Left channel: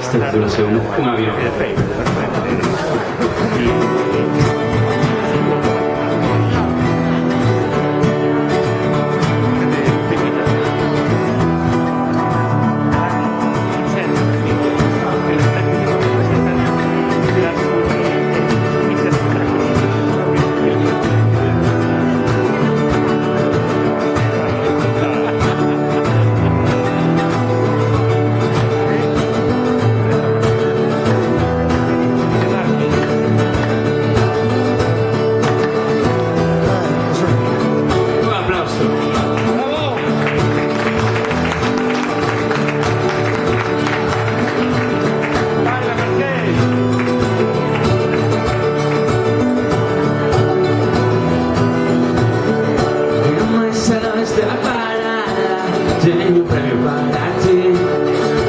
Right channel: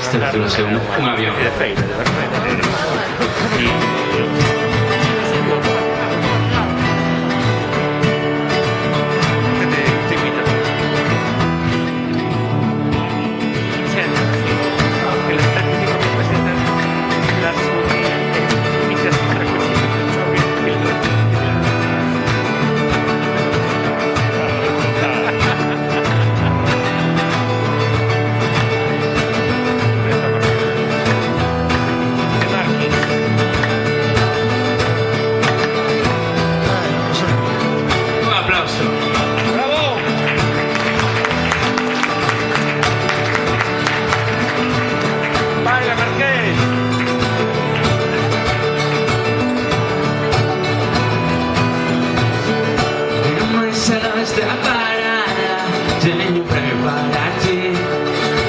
Este título es un avión. Tengo un premio para ti,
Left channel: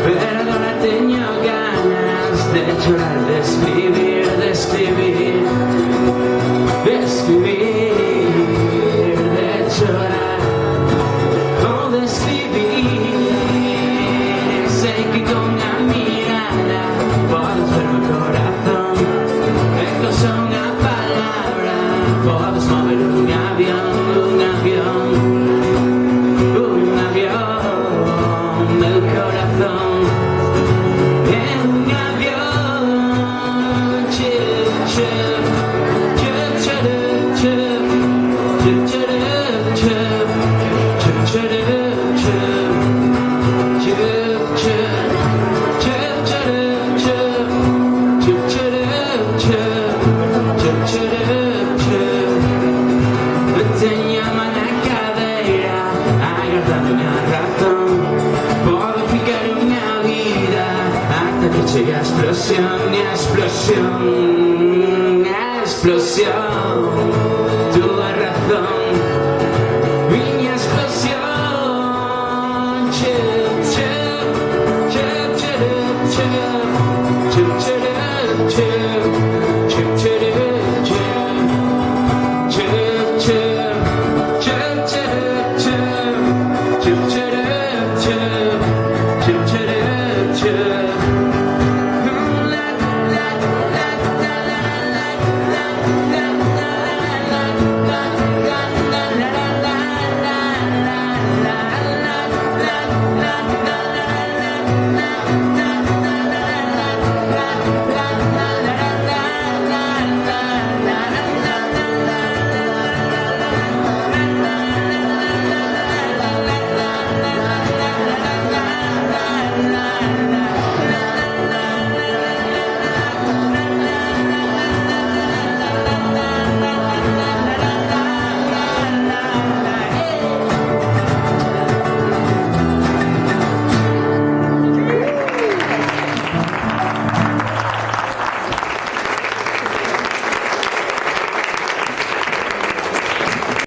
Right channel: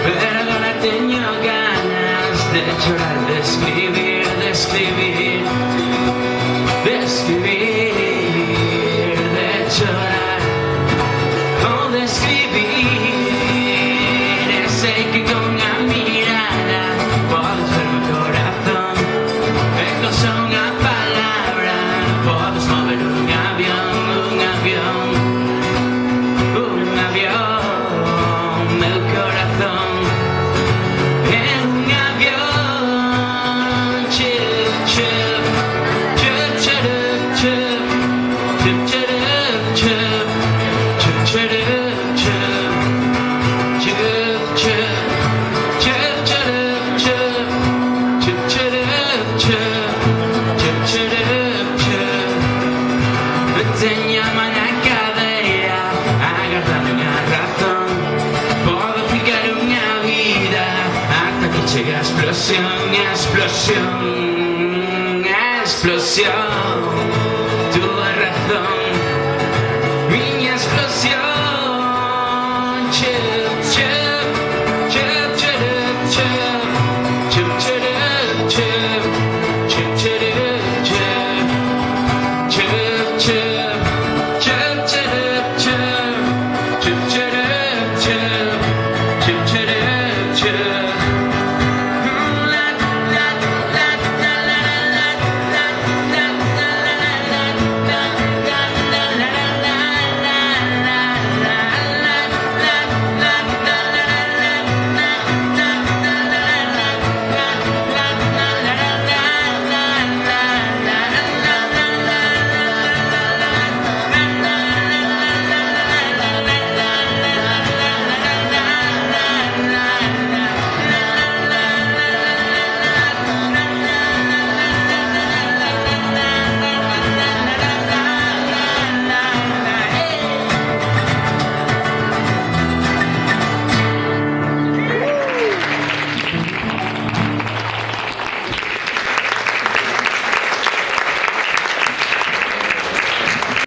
perdona, tengo ganas de llorar, de escribir, de escribir, de escribir, de llorar, o de escribir. Sé que con la mirada puedes ver mi corazón, ecos son una palabra, puedes mover un avión, un avión. El corazón en un avión, chup, chup, chup, chup, chup, chup, chup, chup, chup, chup, chup, chup, chup, chup. Te llaman a cadera, agarrando una razón. Puedo fijar una vida hasta que llegue a explosión, explosión, explosión. Tu razón, mi explosión. Chup, chup, chup, chup, chup, chup, chup, chup, chup, chup, chup, chup, chup. Chup, chup, chup, chup, chup, chup, chup, chup, chup.